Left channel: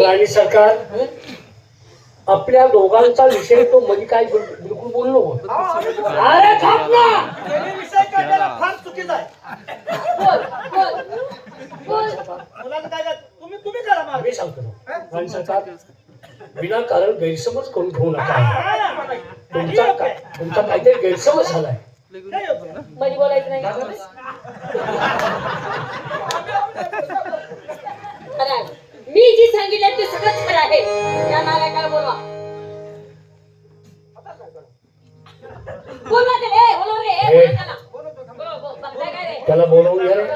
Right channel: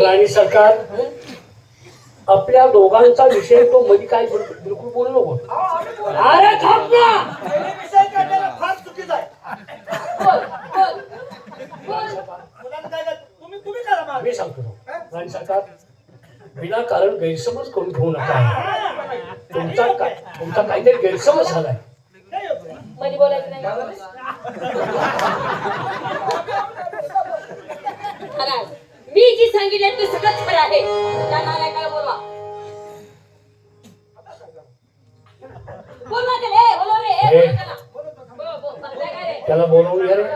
राणी सरकार आपल्या दोघांचा विषय तो मध्ये काय बोल- बिलकुल बोललो अरे थांब फार चुकीचा आहे. बोल बोल बोल. मुलांना काय काय तुम्ही तुम्ही करा मागे. मी सांगतो. राणी सरकार विनाकारण गैरसमज करून घेऊ नका. तुमचा काहीतरी गैरसमज झालाय? मध्ये बोलायचं नाही मी जी सांगितलं ते सगळं खरं आहे त्या नालायकाला बोलवा बोलवा ते रे ए ए. बोलव त्याला. बोल, बोल, बघताय काय रे? त्याला बोलावून घे रे.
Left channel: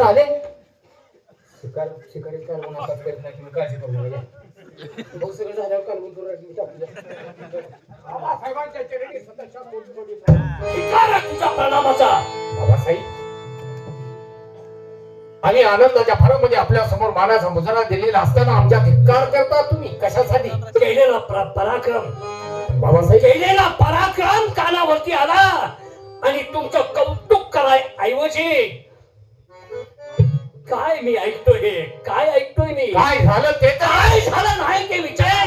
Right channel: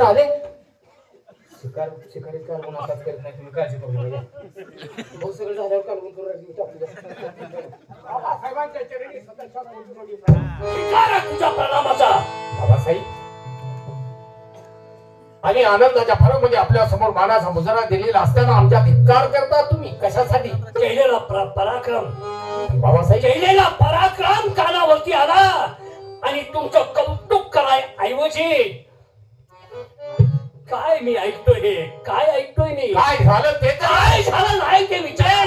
आले. शिकार शिकारी काढून आताच करत नाही तुम्ही काळजी करू नका. भाऊ सगळं झाल्यावर काढून करू स्वतःच्या पोटपोटी शिकार तुझ्या प्रणामाचा. बाबासाहेब आणि आनंदाच्या फरामध्ये आपल्यासमोर मानाचा मुजरा दिलेला असताना आमच्या धिक्कार करता तुम्ही? कशासाठी? केलेला प्र- पराक्रम. बाबासाहेब. केलेला पराक्रम कानावरती आला. आणि तुमचं कौतुक कराय ऐवजी काय मी ऐकतोय हे? काय ऐकतोय मी? काय झालं ते तर काय झालं नाही ते विचार.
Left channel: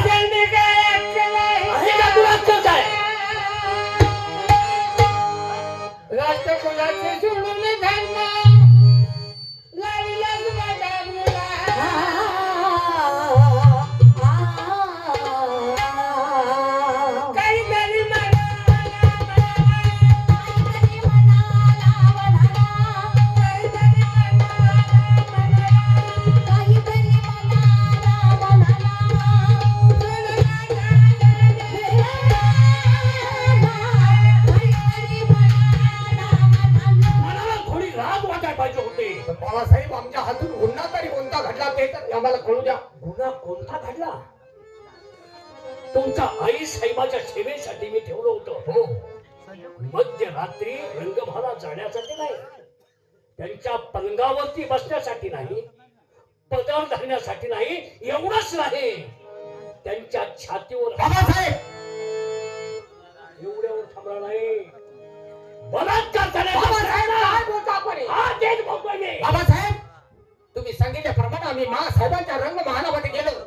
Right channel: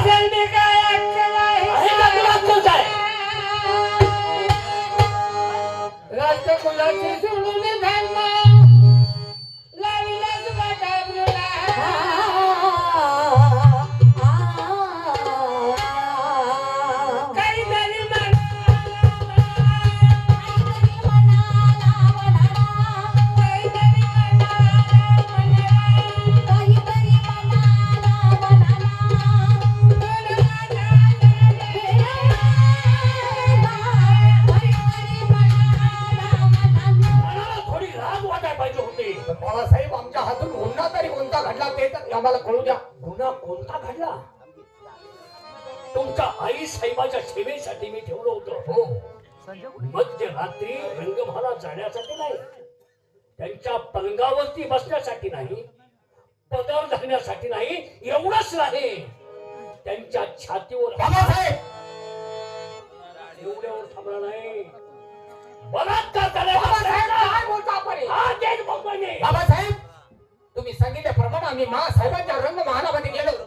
कळू द्या गुन्हा कोणता घडला? तुमच्या आई साहेबाच्या सेवेसाठी मी ठेवलं होतं. हो. मध्यरात्री रंगभाला जाण्यासाठी नाही. त्यांच्या पलंगावरती बसण्यासाठी नाही. पदर धरण्यासाठी नाही. एवढंच नाही. त्यांच्या छातीवर एवढ्यावर थांबला नाही. बलात्कार? हा? मुंबईने बाबासाहेब तुम्ही सांगितल्याप्रमाणे आम्ही महासाहेबांच्या रंग महालामध्ये गेलो.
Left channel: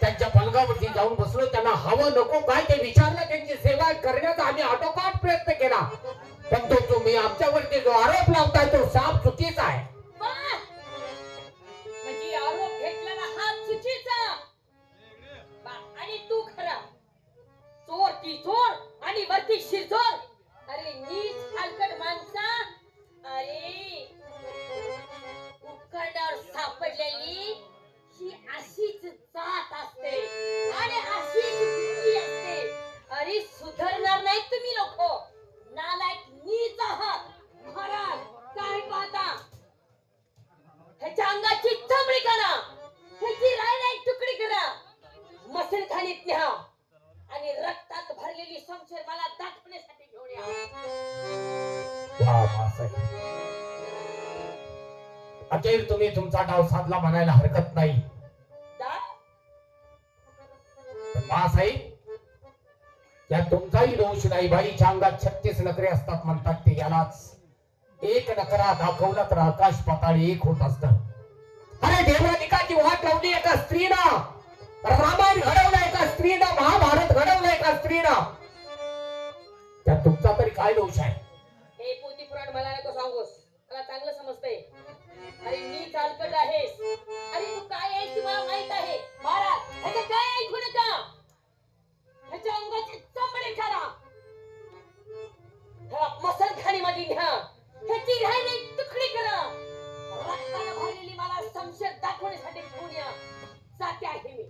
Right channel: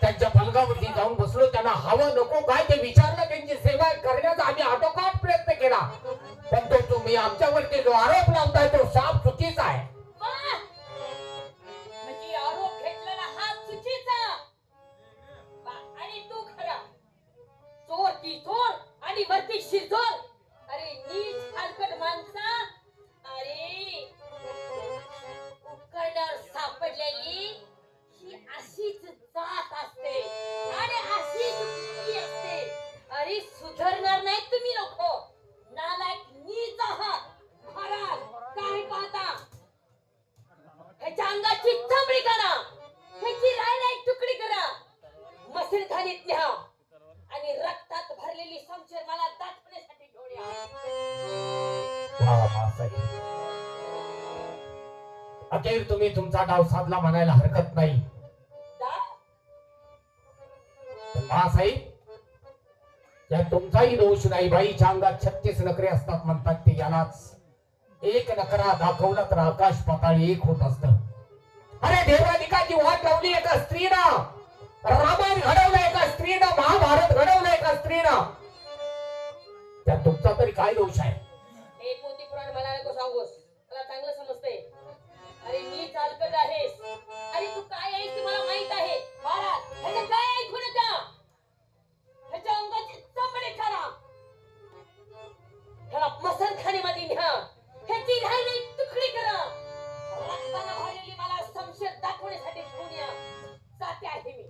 त्यांच्या पलगावरती जाऊन बसलो. त्यांना हवं नको काय ते विचारलं. त्यांची सेवा करण्याचा आम्ही आटोकाट प्रयत्न केला. पण तो तुम्ही आमच्यावरती जो आरोप लावताय तो साफ चुकीचा आहे. तुम्ही तुमचा डाव साधला म्हणायला हरकत नाही. या तुमचाही दोष नाही. बाईच्या अंगात छत्तीस नखरे असतात म्हणतात ते यालाच. एक नकरा दाखवला तर आकाश पाताळ एक होत असत. अरे देवाधिकाची वाट लावली एका स्त्रीनं? रामायण घडवलं एका स्त्रीनं महाभारत घडवलं एका स्त्रीनं. त्यात तुमचा तरी काय दोष आहे? हे पोती पुराण मला नको सांगूस. मला चांगलं समजतंय. अरे मी चालकट आहे अरे तू काय आहेस ते मला माहीत आहे. महाराज ह्याचे काय ऐकू नका. ह्याच्या अंगाची ठरा. करा ह्याला मसलखानी मध्ये घ्या. ह्याची राहिली तुकडी करा. रक्तानं भरलेली मला संशय दाखवण्यासाठी पुण्या जाते आहे मी.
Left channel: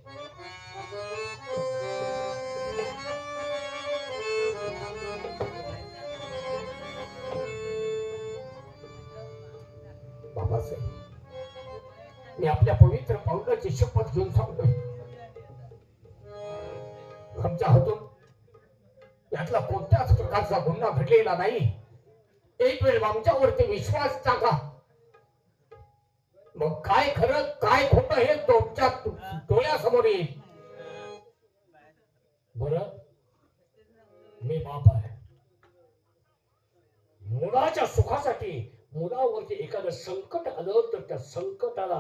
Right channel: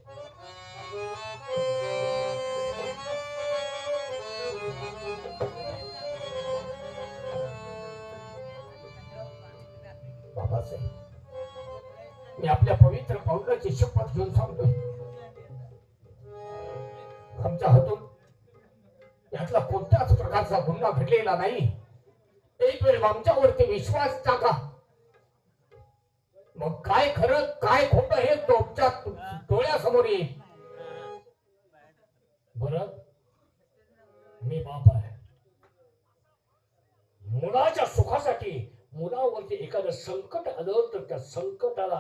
महत्वाचं आहे मी आपल्या पवित्र पावलाची शपथ घेऊन सांगतोय. आमच्या हातून यातला कोणत्याच प्रकारचा गुन्हा घडलेला नाही. एक वेळ आमच्यावरती विश्वास टाका मग काय खरं काय खोट हे तुमच्या डोळ्यासमोर येईल. बर? मी बाप आहे. मुलाच्या सुखासाठी मुलावरती एखादं संकट आलं तर त्या संकटाला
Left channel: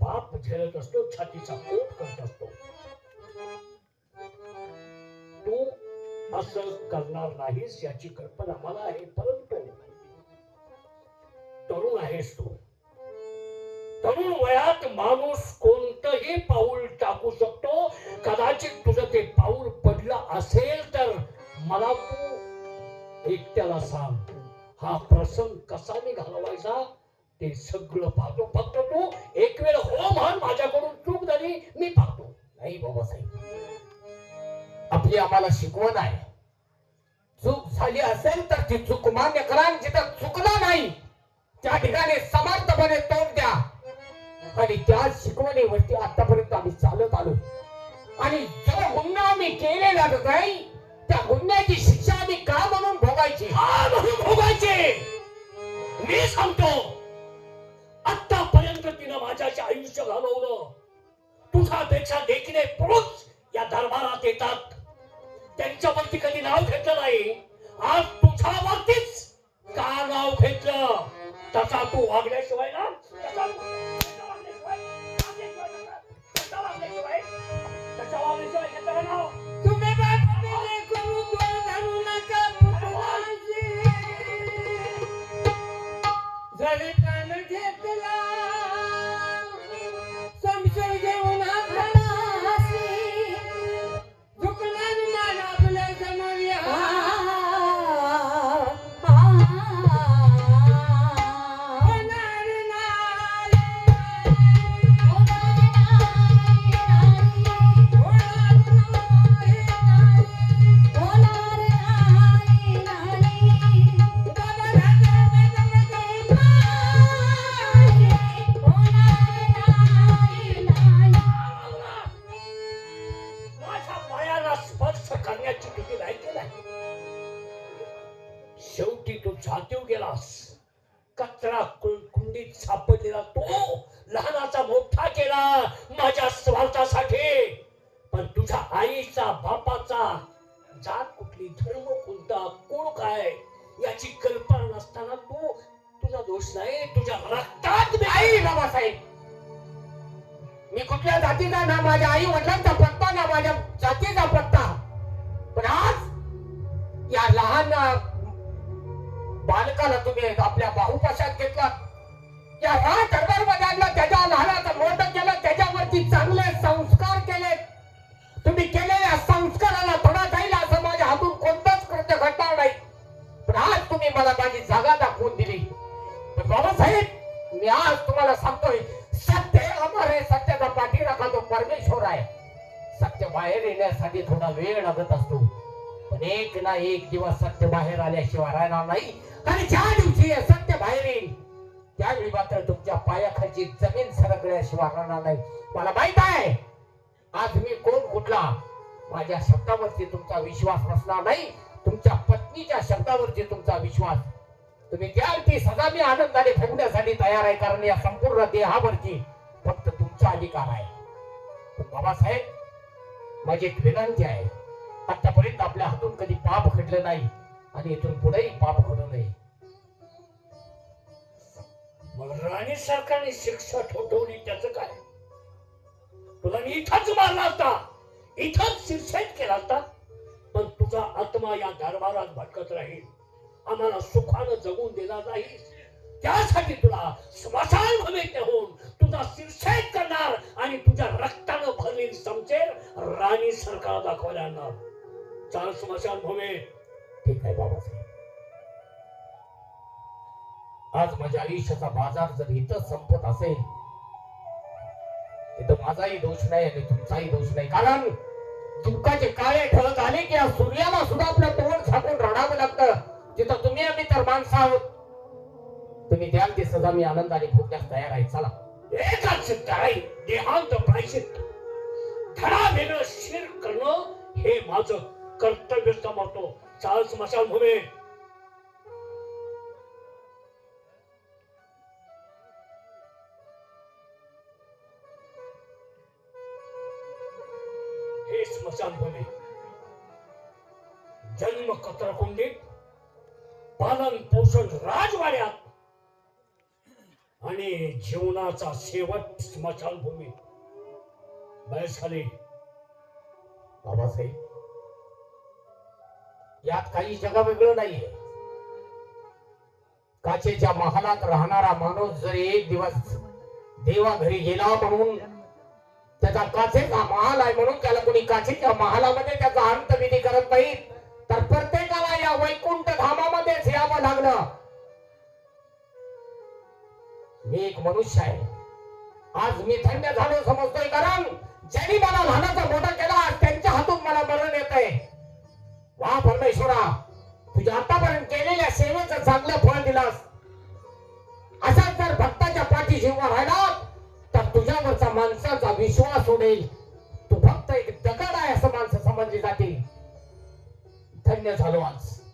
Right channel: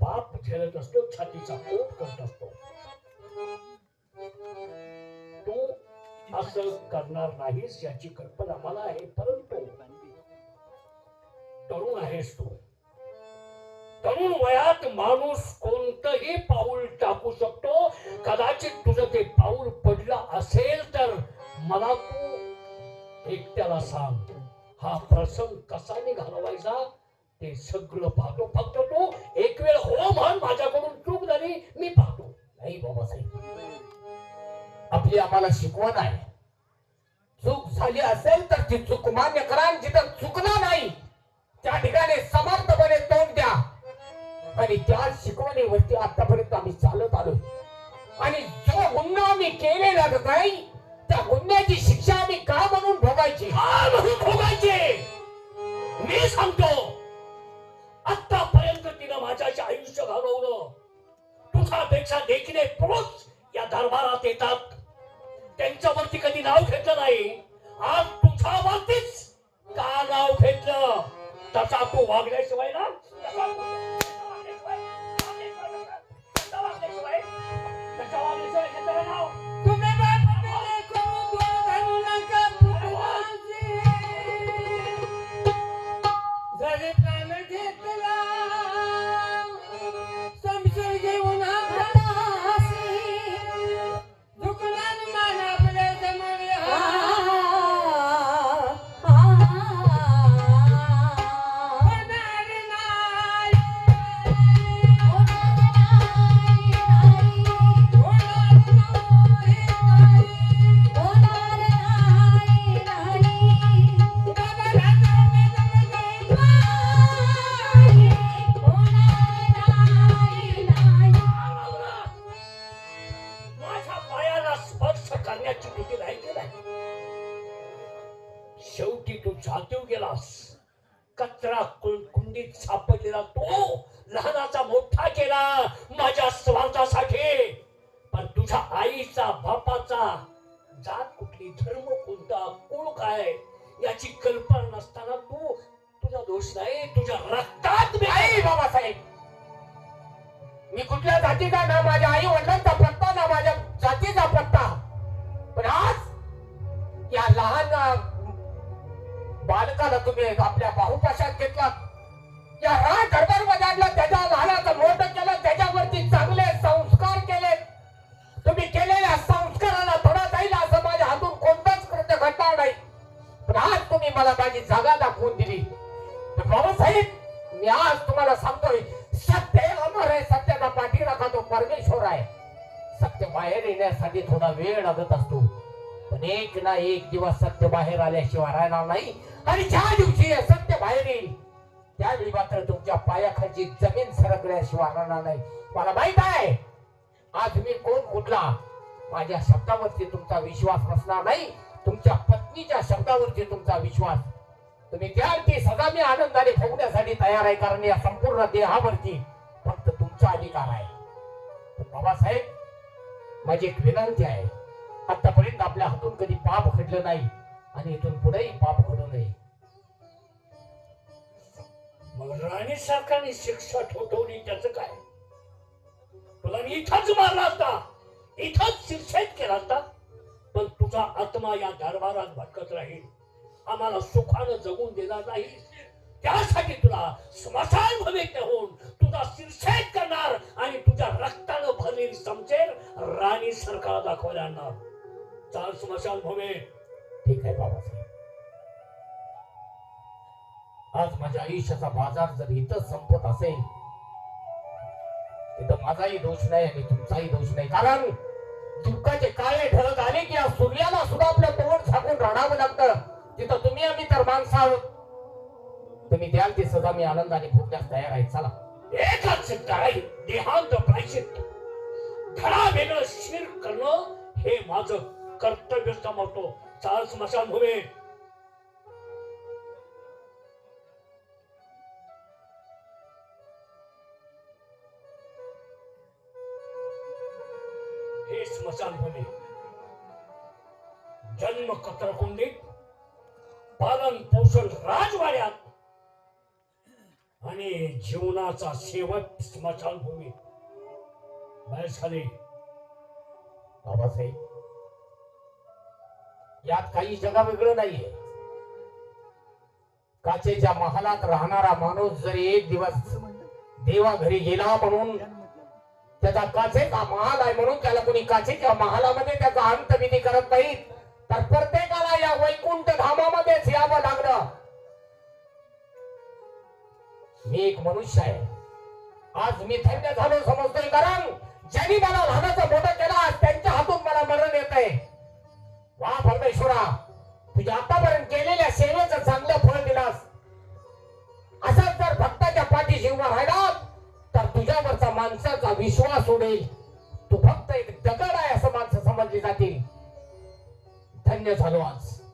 बाप झेलत असतो छातीचा पोट करत असतो. तू असं करणार नाहीस याची कल्पना मला आहे परंतु तरुण आहेस तू. तरुण वयात माणूस कोणतंही पाऊल टाकू शकतो. कदाचित तुझं ते पाऊल पडलं असेल तर मला तू एकट्याला सांग. हा प्रसंग कसा मी घालवायचा? ते सगळं पाहतो. फक्त तू एक वेळ हो म्हण माझ्याकडून चूक झाली मी पाहतो. नाही बाबासाहेब आपली आम्हाला शिकवण आहे. चूक झाली असेल तर ती चूक मान्य करा जिथं चुकला नाही त्या ठिकाणी समर्थपणे तोंड द्या. आणि त्या शिकवणीवरती आतापर्यंत आम्ही चालत आलो आणि जो गुन्हा आम्ही केलेला नाही त्या गुन्ह्याची शिक्षा आम्ही का म्हणून भोगायची? का मी सांगतो आतापर्यंत तिनं माझ्याचे आयुष्य घालवलं. तुझ्यापेक्षा देखणे पुरुष या दरबारात येतात. त्यांच्यावरती कधी नाव घेतलं नाही. आज तुझ्यावरतीच का नाव घेतलं? तसा तू वागल्याशिवाय मी कुठल्या जातीचा ना माझ्या आई वडिलांचा पत्ता ना माझ्या जातीचा पत्ता? पण आज या लहान बालकाला तुम्ही आपल्या बाहुपाशात घेतला. या राज दरबारमध्ये आणलं. त्याच्या लहानाचं मोठं केलं. त्याच्यावरती चांगले संस्कार केले. तुम्ही केलेल्या संस्काराला थोडा जाईल असं माझ्या हातून कोणताच कृत्य घडणार नाही. पण आज तुम्ही मला माझी जागा दाखवून दिली. तर बाबासाहेब मी आज तुम्हाला सांगतोय सत्य अमर आहे सत्याचा पाठीराखा तो परमेश्वर आहे? सत्य बाहेर येण्यासाठी थोडा वेळ लागत असतो. पण एक ना एक दिवस सत्य बाहेर आल्याशिवाय राहणार नाही. आणि ज्या दिवशी सत्य बाहेर येईल त्यावेळी मात्र तुमच्या पायाखालची जमीन सरकल्याशिवाय राहणार नाही. मला माहीत आहे आज मी कोण कुठला? माझ्या शब्दावरती तुमचा विश्वास नसणार नाही. तुमच्या पत्नीच्या शब्दावरती तुमचा विश्वास तुम्ही द्या ती सदा मी आनंदाने ठेवण्यासाठी तयार आहे कारण या संपूर्ण देहावरती फक्त तुमचा अधिकार आहे. पण बाबासाहेब माझी एक विनंती आहे. आतापर्यंत आपल्या हातून कधी पाप घडलं नाही आणि इथून पुढेही पाप घडू नये. राणी सरकारने शिक्षा ठोठवली त्याच काय? तुला मी इथंच मारला असता इथंच शिक्षित केला असता पण तुझा आत्मा या दरबारात भटकत राहील. आम्हाला सुखानं जगून देणार नाही त्यासाठी तुला स्मशान भूमीत नेऊन तुझा शिरछेद करणार आणि तुझ्या रक्तानं भरलेली समजेल राणी सरकार दाखवायला आणणार. चाल स्मशान भूमी. ठीक आहे बाबासाहेब आज माझ्या आयुष्याचा बाजार जर इथंच संपत असेल तिथं माझाही दोष नाही आणि तुमचाही दोष नाही. कारण दुःखाचे काळे ठळक आले की या सूर्याला सुद्धा आपलं तोंड झाकून रडावं लागतं. तिथं तुम्ही आम्ही तर माणसं आहोत तुम्ही द्याल ती सदा मी आनंदाने भोगण्यास तयार आहे. चला. एकच सिद्ध आहे देहांत प्रायशित धडा वेगळं शिर करणं हे माझं कर्तव्य समजतो. चाल स्मशान होवे हे स्मशान होवे जन्म कत्रकुंडीत पालन पोषण राजवाड्यात आणि जीवनाचा शेवट स्मशानभूमी. बैलखाली बाबासाहेब यात काही जगा वेगळं नाहीये. काचेच्या महालात राहणारा माणूस जरी एक दिवस देवा घरी गेला म्हणून त्याचा काचेचा महाल आहे म्हणून त्याला कोणी काचेच्या महालामध्ये त्याचा अंतविधी करत नाही तर प्रत्येकाला या वैकुंठ धामामध्येच यावं लागलं? मी एक मनुष्य आहे. आज मी धन्य झालो समजतोय कारण ज्यांनी मला लहानाचं मोठं केलं आज त्यांच्या हातून मला मरण येत आहे. वा परमेश्वरा तुझ्या आतापर्यंत केलेल्या सेवेचं चांगलं फळ दिलास. असाच जर भक्ताच्या पाठीशी उभा राहिला तर तुझ्यावरचा माणसाचा विश्वास उडेल. तू फक्त एक दगड आहे असं माणसं समजली जातील. धन्य झालो आज.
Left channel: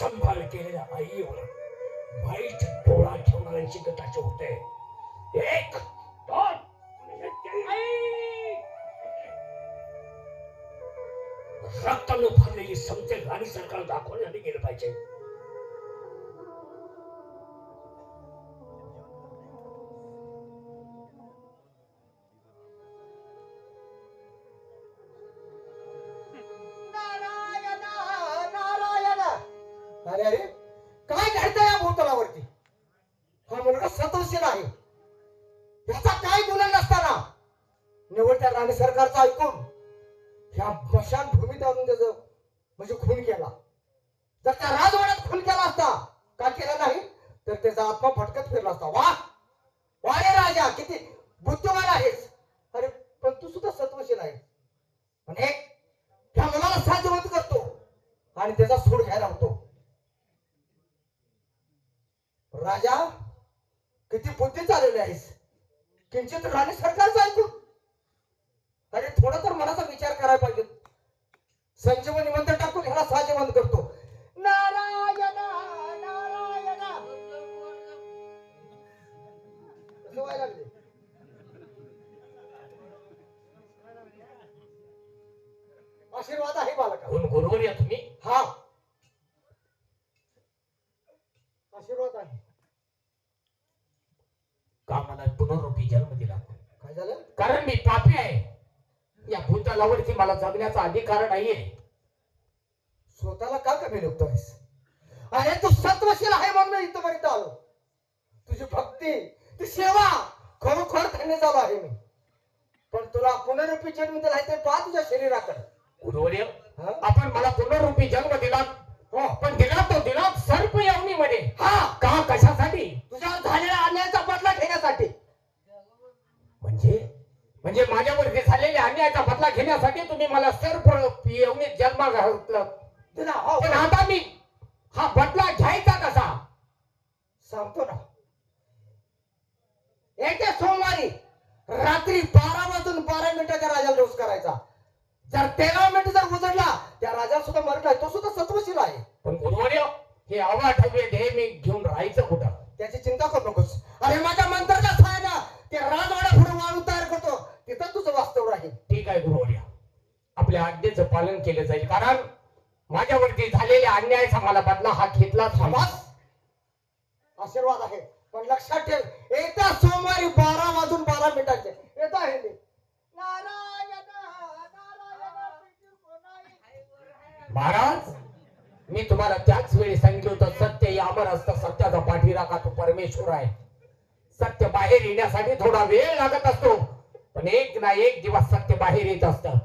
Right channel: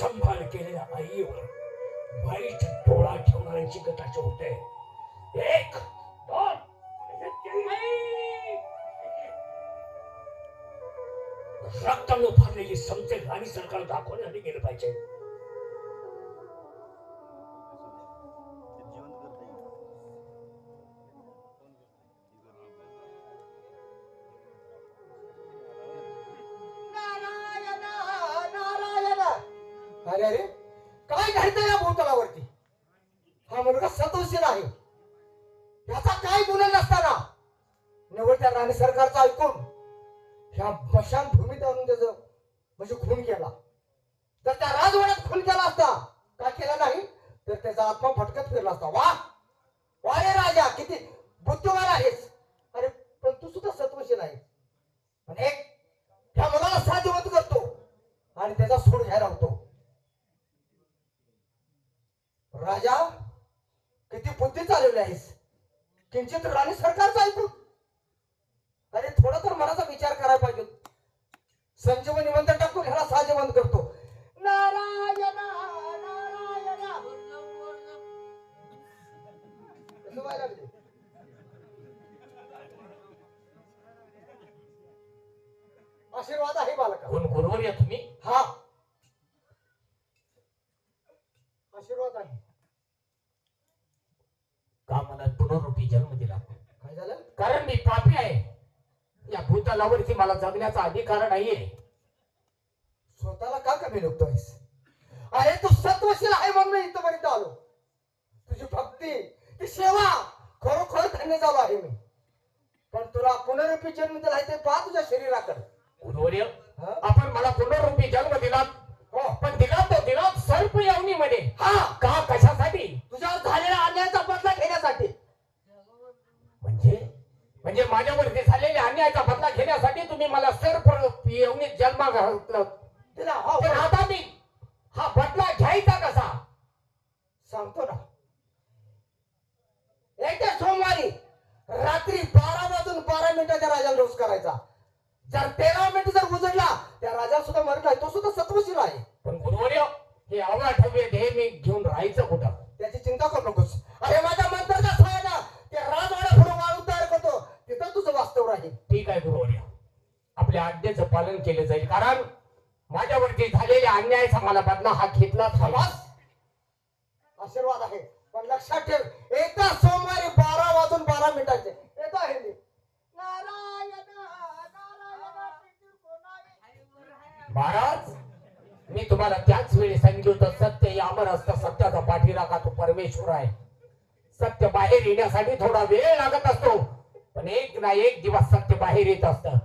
संभाळ केलेल्या आईवर वाईट डोळा ठेवणाऱ्याची गटाचे होते एक दोन रक्तानं भरलेली समजेल राणी सरकार दाखवण्यासाठी गेलं पाहिजे. अरे अरे काय घडतं या भूतलावरती हा मुलगा सतोशील आहे. याचा काय गुन्हा नसताना? निवड त्या राणी सरकारचा ऐकून ह्या मशान भूमीत आणून त्याच म्हणजे खून केला. जर त्या राजवाड्यात खून केला असता का केला नाही? तर त्याचा आत्मा भटकत फिरला असता. वा रे राजा किती बुद्धिमान आहेस अरे पण तू सुद्धा सत्वशील आहे पण एक ह्या मुलाला साध्यवत करतो आणि त्याचा सूड घ्यायला होतो राजा किती बुद्धी चालवली आहेस किंचित राणी सरकारचं ऐकून अरे थोडा तर मनाचा विचार करायला पाहिजे संजीवनी मंत्र टाकून साजेवंत करतो. नारायण लागले? आशीर्वाद आहे बालका गुरुवर या तुम्ही? हा. आशीर्वाद आहे. का मला पुनरुपी जन्म दिला काय झालं? कारण मी पापी आहे. या भूतलावरती मला जगण्याचा अधिकार नाहीये. स्वतःला का कमी लेखतोयस अरे तू सत्वशील आहे म्हणून इथपर्यंत आलो. तुझी भक्ती ती सेवा खरोखर धन्य झालो आहे मी. पण तुला पुनरुपी जन्म दिला आहे ते पहा तुझ्या शरीराकडे? आपण मला पुनरुपी जन्म दिला हो पण दिला तो दिला सर्प यवनीमध्ये हा का कशासाठी तुझ्यावर झालेल्या अन्यायाचा बदला घेण्यासाठी म्हणजे म्हणजे माझ्यावरती झालेल्या अन्यायाचा बदला घेण्यासाठी तुम्ही मला सर्प यवनीत जन्म घातलं तिला हो तर आता मी हा बदला घ्यायचा कसा सांगतो ना येत्या सोमवारी रात्री बारा वाजून बारा मिनिटाच्या राजाला डोस करायचा जर तेरा मिनिट जर उजडला त्या राजा सुद्धा मरला तो सुद्धा सत्वशील आहे पण गुरुवर्य हे अवाढव्य ध्येय मी घेऊन राहायचं कुठं त्याची चिंता करू नकोस अरे माझ्या मंत्राचा सहाय ना त्या राजवाडा पुढे वाळू तयार करतो तिथं तुझं वास्तव राहील ठीक आहे गुरुवर्य आपल्या आज्ञेचं पालन केलं जाईल कारण माझ्यावरती झालेल्या अन्यायाचा मला बदला हा घेतलाच बस. पाहिजे आशीर्वाद आहे पण लक्षात ठेव येत्या सोमवारी बारा वाजून बारा मिनिटाचे. येत आहे मी. महाराज मी तुम्हाला त्याच वेळी सांगितलं होतं सत्य अमर असतं सत्याचा पाठीराखा तो परमेश्वर आहे? सत्य बाहेर येण्यासाठी थोडा वेळ लागत असतो पण एक ना एक दिवस सत्य बाहेर येत असतं.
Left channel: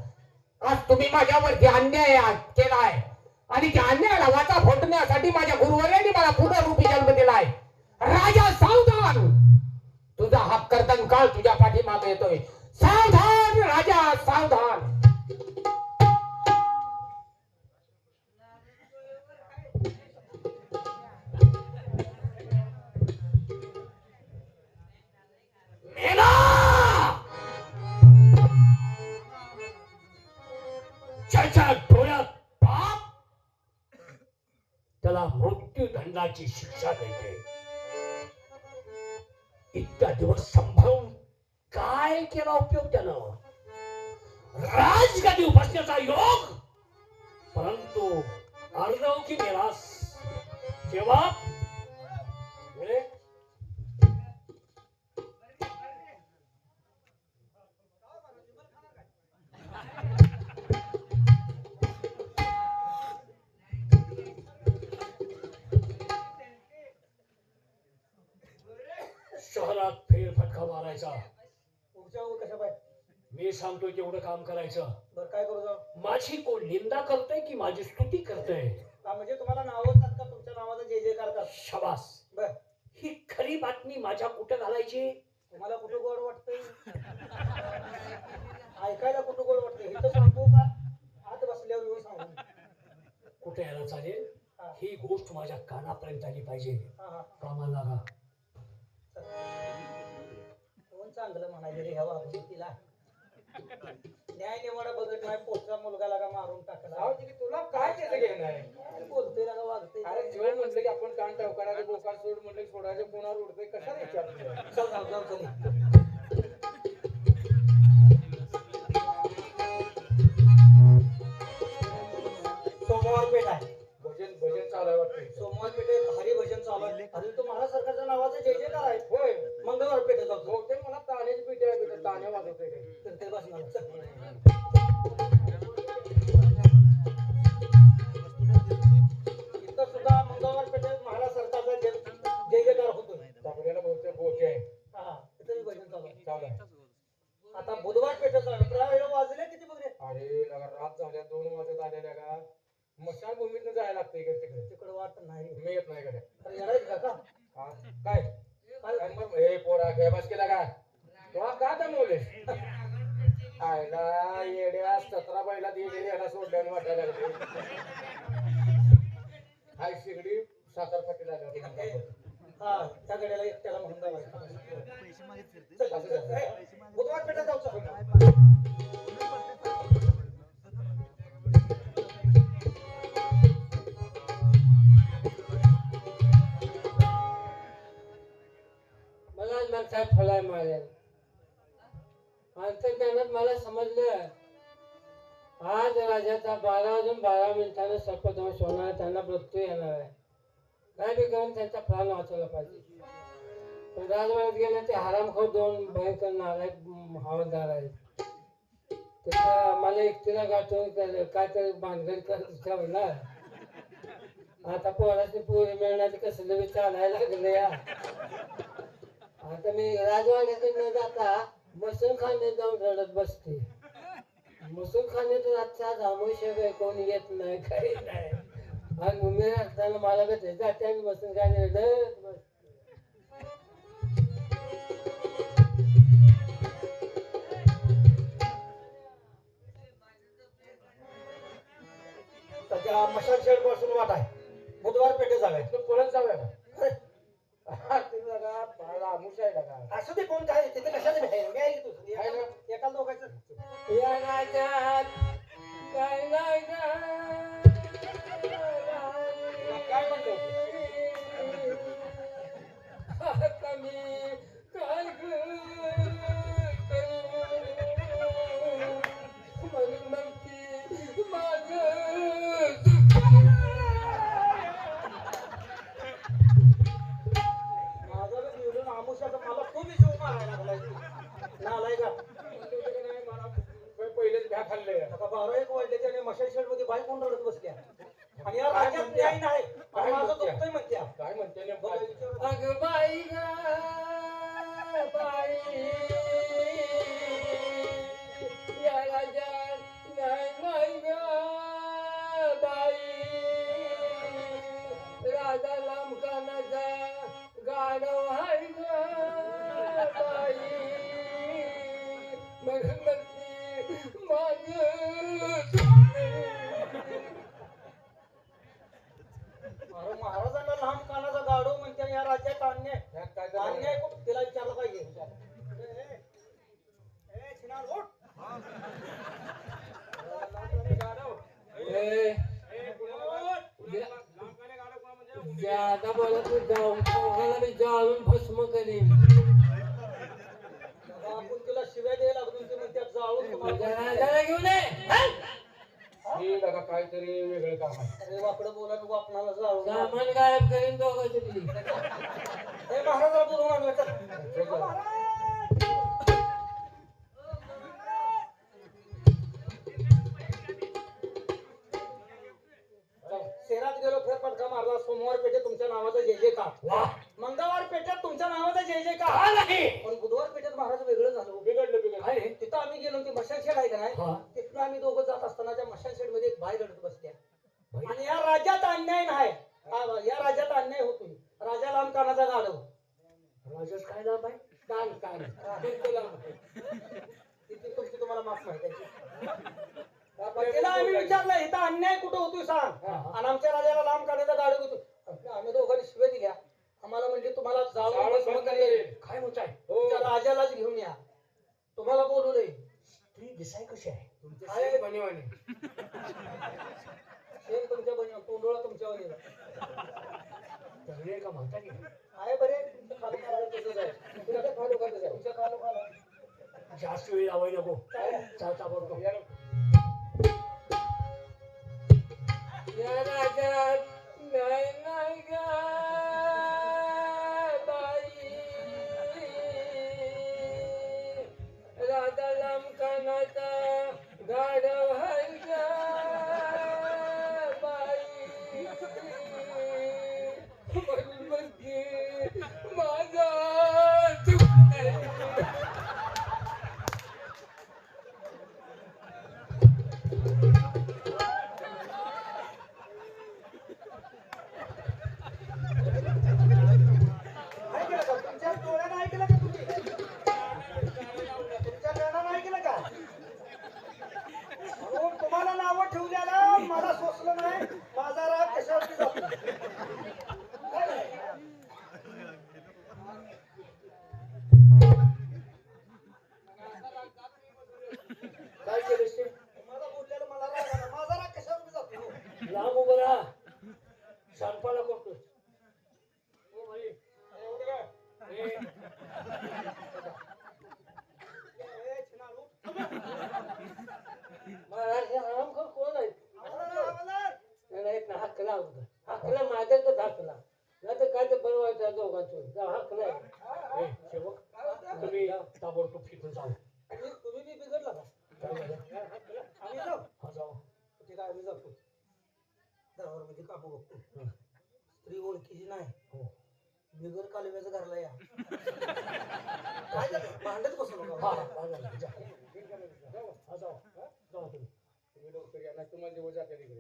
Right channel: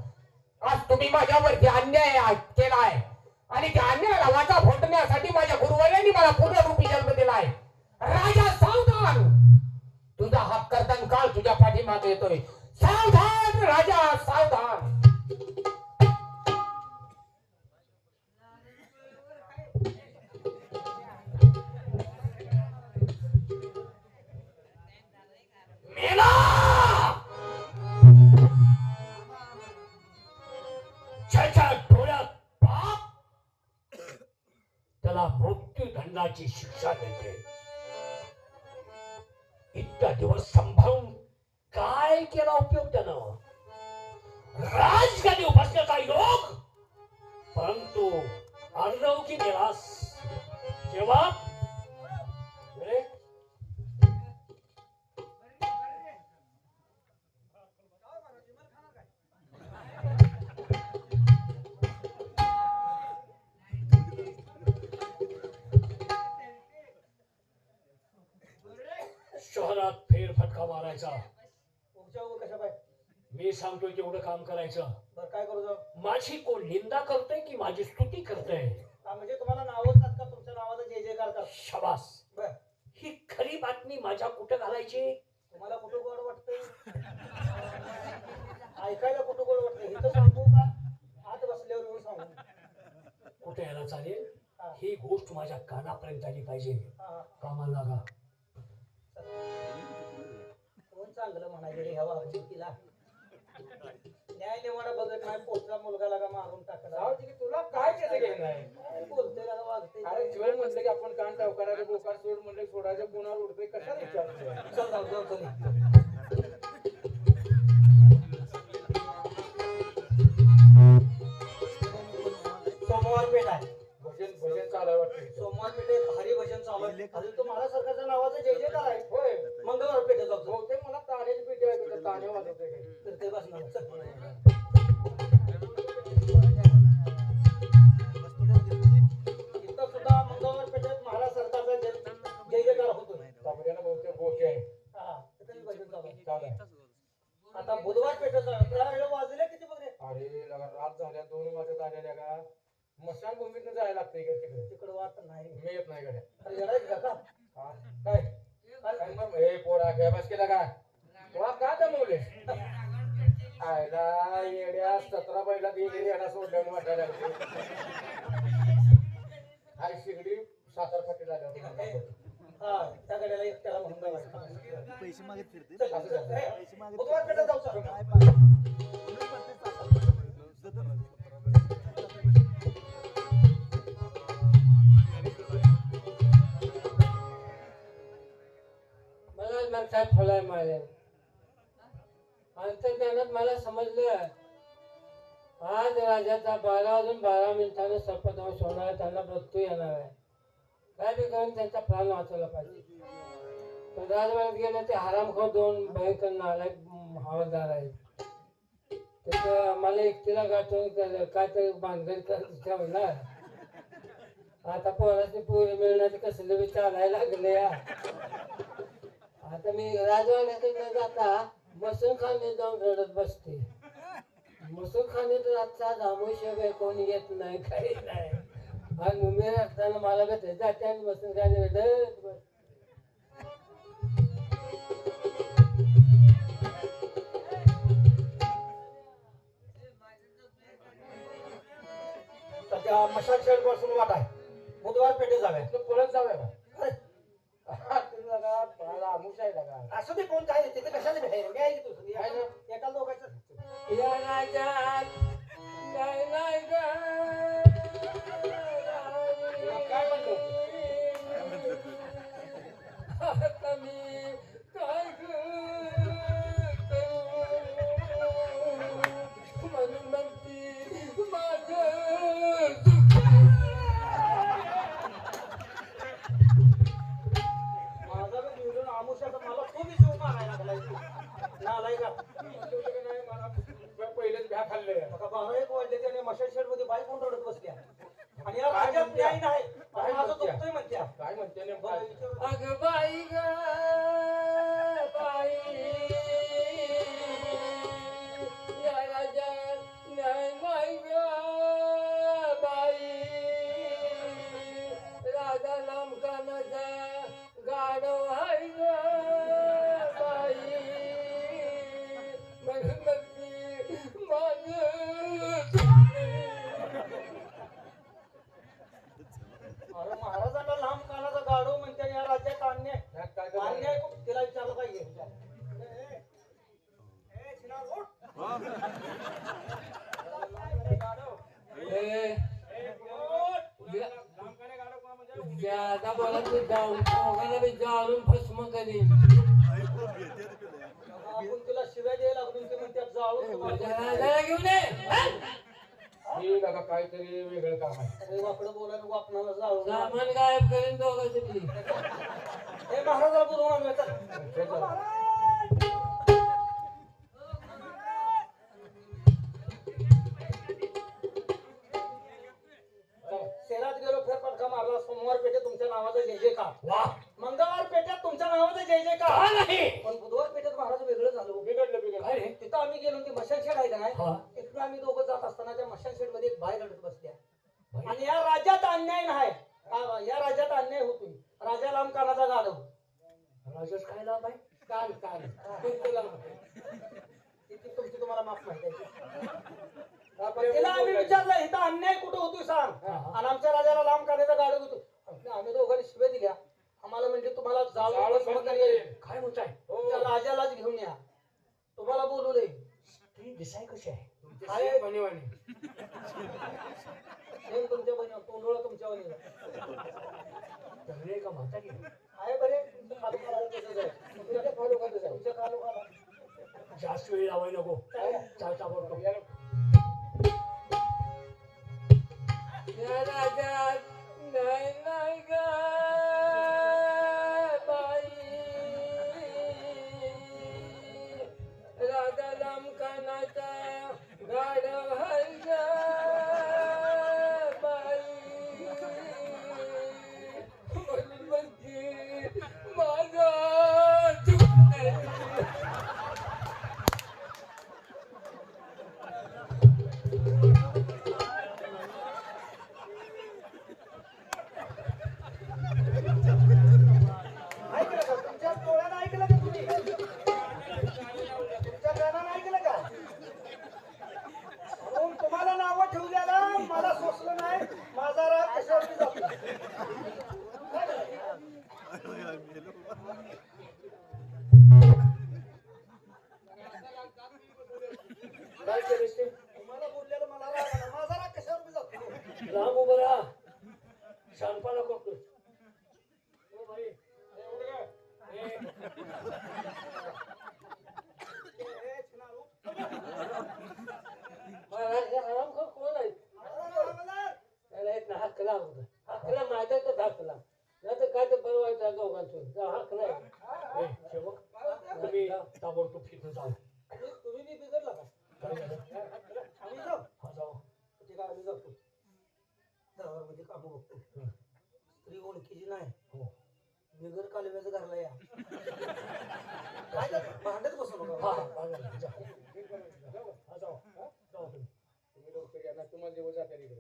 आज तुम्ही माझ्यावरती अन्याय केला आहे आणि त्या अन्यायाला वाचा फोडण्यासाठी माझ्या गुरुवर्यांनी मला पुनरुपी जन्म दिला आहे राजा सावधान! तुझा हा कर्तन काळ तुझ्या पाठीमागे येतोय. सावधान राजा सावधान! त्याला शिक्षा देते. इतका दिवस संभाळून काय केला उपयोग? कशा पाय मी सांगतोय तेवढं काम करायचं. बरं काय करू जाऊ? माझी कोण निंदा करतोय की माझी स्तुती करतोय? म्हणजे तुम्हाला नाव येतात का? तुमच्या नावाचा जय जयकार करतात. शबास. बर. ही खरी बातमी माझ्या कुठं घालायची? तुम्हाला कुठे गोड वाटतंय? ऐकायला कुठे गोड वाटतंय? हे तर सांगू का? आत बसल्यावर सांगू. कुठे यायला चालेल? हा. गोष्ट माझ्या कानापर्यंत आली पाहिजे. कामाला लागा. कोण चांगलं म्हणायचं रे हवा तिला. न्याय निवाडा बघत नाही पोटचा मुलगा लागा मारून टाकला. जाऊ दे की तुला काय त्याचं घेणं आहे? काय बोलतोय लागा वागतोय. अरे जीवन म्हणलं की आपण कान टवकारा म्हणलं की सोडायचं कोणावर उडतंय कशाला विचारतो चल जाऊ जाऊ चल. आयला येड्या सतरा सोडल्याने वाटायला लागले. हाय शिगडी साखर फाटी लागल्या हा एकट्याला म्हणून जायचं. पैसे मागत फिरते पैसे पेठेत जाऊ. मला फुलाय मारे त्यानं मला समजलं. आज राजाचा बारा वाजून बारा मिनिटांना सर्पदोष होणार त्यांना मृत्यू येणार आहे. काय बी करून त्यांचा प्राण वाचवला पाहिजे. पण राजवाड्यात गेले ते हरामखोर दोन भयंकर नालायक हवालदार आहेत मला एकटीला गाठून काय तरी भानगड करत ठेवणार आता पोराची पोरी मिळण्याचे कसले बी चालायला लागले या. आता मी राजवाड्याकडे न जाता मसून खाणे जाऊन रडत बसते. मसून खाणे तर आजचा जामोशिवाय कोणी येत नाही काही नाही. आणि असताना मला कधी जाते आणि मसून खाणे रडत बसते. मशाल शेडपासून वाट आहे. बुधवार पेठे जाऊया. परत जाऊया का? अरे, तुम्ही बाळा आमुष आहे असू दे कोण काय तिथे कशाला भेटायला मी ऐकतो एका लोकांचं God సోదరి महाराज हे हरामखोर कोण आहे हवालदार, हवालदार. नाही ना हकला होता हकला माझ्या तर हकला नाही तर काय तर बरं व्हायचं दोघांचं हकला ए, सेवक, तुम्ही ताबडतोब तिथं जाऊ आणि तुम्ही बी बिघडला का? काय झालं? आम्ही जाऊ. हा जाऊ ठीक आहे, आम्ही जातो. दरबारमध्ये कापू बघतो. हं. स्त्री ओळखीची नाही हो. बिगर कालव्याचं घरला या काय झालं? भांडत बसू नका हा, हा, जा, जा. हा, जाऊ. हा, जाऊ तुम्ही. तुम्ही लवकर या ना तुम्हाला जेव्हा जाते तिकडे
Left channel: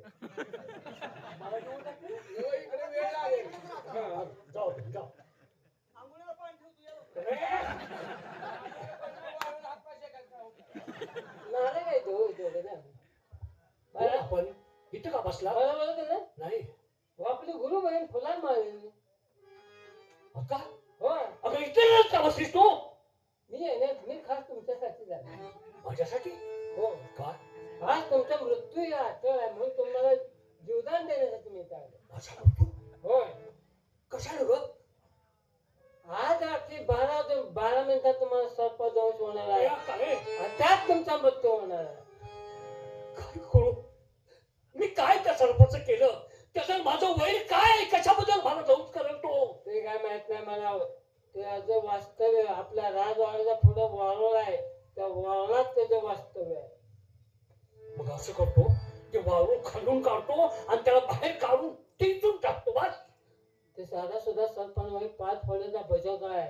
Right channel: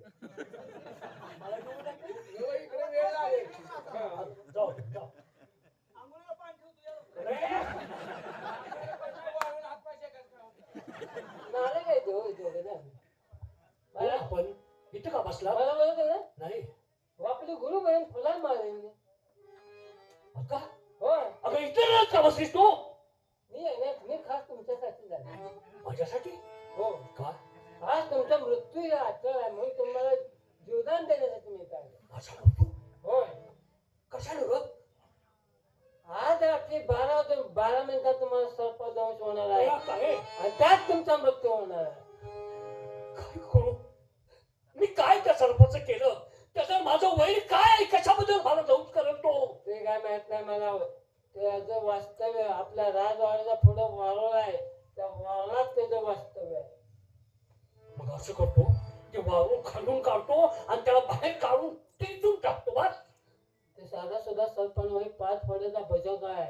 जेव्हा इकडे वेळ लागेल हा, जाऊ तुम्ही, जाऊ. आंघोळीला पाणी ठेव तुझ्या. नाही काय तो इथे जा बोल आपण इथं का बसला? मला ना? नाही. हो, आपली गुरु बहीण फुला मारे आता हो. अगं इथे का बसलीस तू? मी आहे ना मी खास तुमच्यासाठी झाले. माझ्यासाठी? हो. काय आज तुमचा मृत्यू या आठवण आहे म्हणून तुम्हाला जीवदान देण्यासाठी मी इथं आलो. माझा मृत्यू? होय. कशाने ग? आज रात्री बारा बारा मिनिटात तुम्हाला सर्पदंश होणार आहे. आणि त्यात तुमचा मृत्यू होणार आहे. मी काय त्या सरपंच केलं? त्याचं माझं वैर काय कशाबद्दल मला जाऊच करेल तो? ते काय माहीत नाही मला. त्याचं वास्तव्य आपल्या राजवाड्याच्या पुढे वारुळ आहे. त्या वारुळात त्याचं वास्तव्य आहे. मग असं करतो ते वाळू खालून काढतो आणि त्याला बाहेर काढून टिचून टाकतो बस. ते साधा सुद्धा सरपंच वय पाच फळाचा भजक आहे.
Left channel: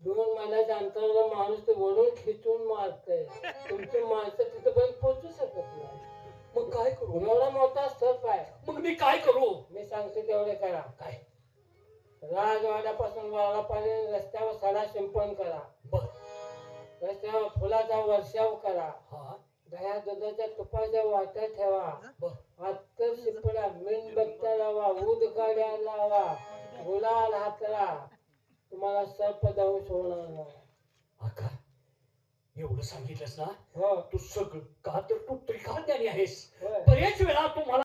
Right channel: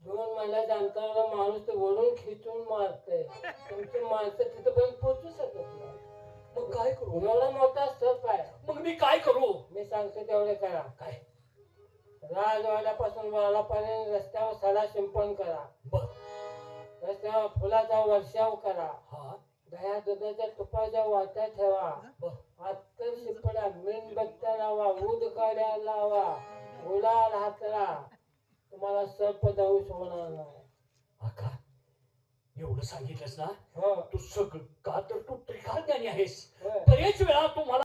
दोन मैलाच्या अंतरावर माणूस ते वळून खिचून मारते तुमची माणसं तिथपर्यंत पोहोचू शकत नाही. मग काय करू? एवढा मोठा सर्प आहे मग मी काय करू? मी सांगते तेवढे करा. काय? राजवाड्यापासून वाडापर्यंत रस्त्यावर सडा शिंपण करा. बर. रस्त्यावर फुलाचा वर्षाव करा. हा. दह्या दुधाच्या तुपाच्या वाट्या ठेवा. अत्तर शिपडा मेणबत्त्या लावा काड्या लावा. गुलाल हातरा तुम्हाला सर्प दंश होणार नाही. एवढं सांगितलंस ना हो. तू सगळं का तर तू त्रिकाळ ज्ञानी आहेस. बऱ्याच वेळा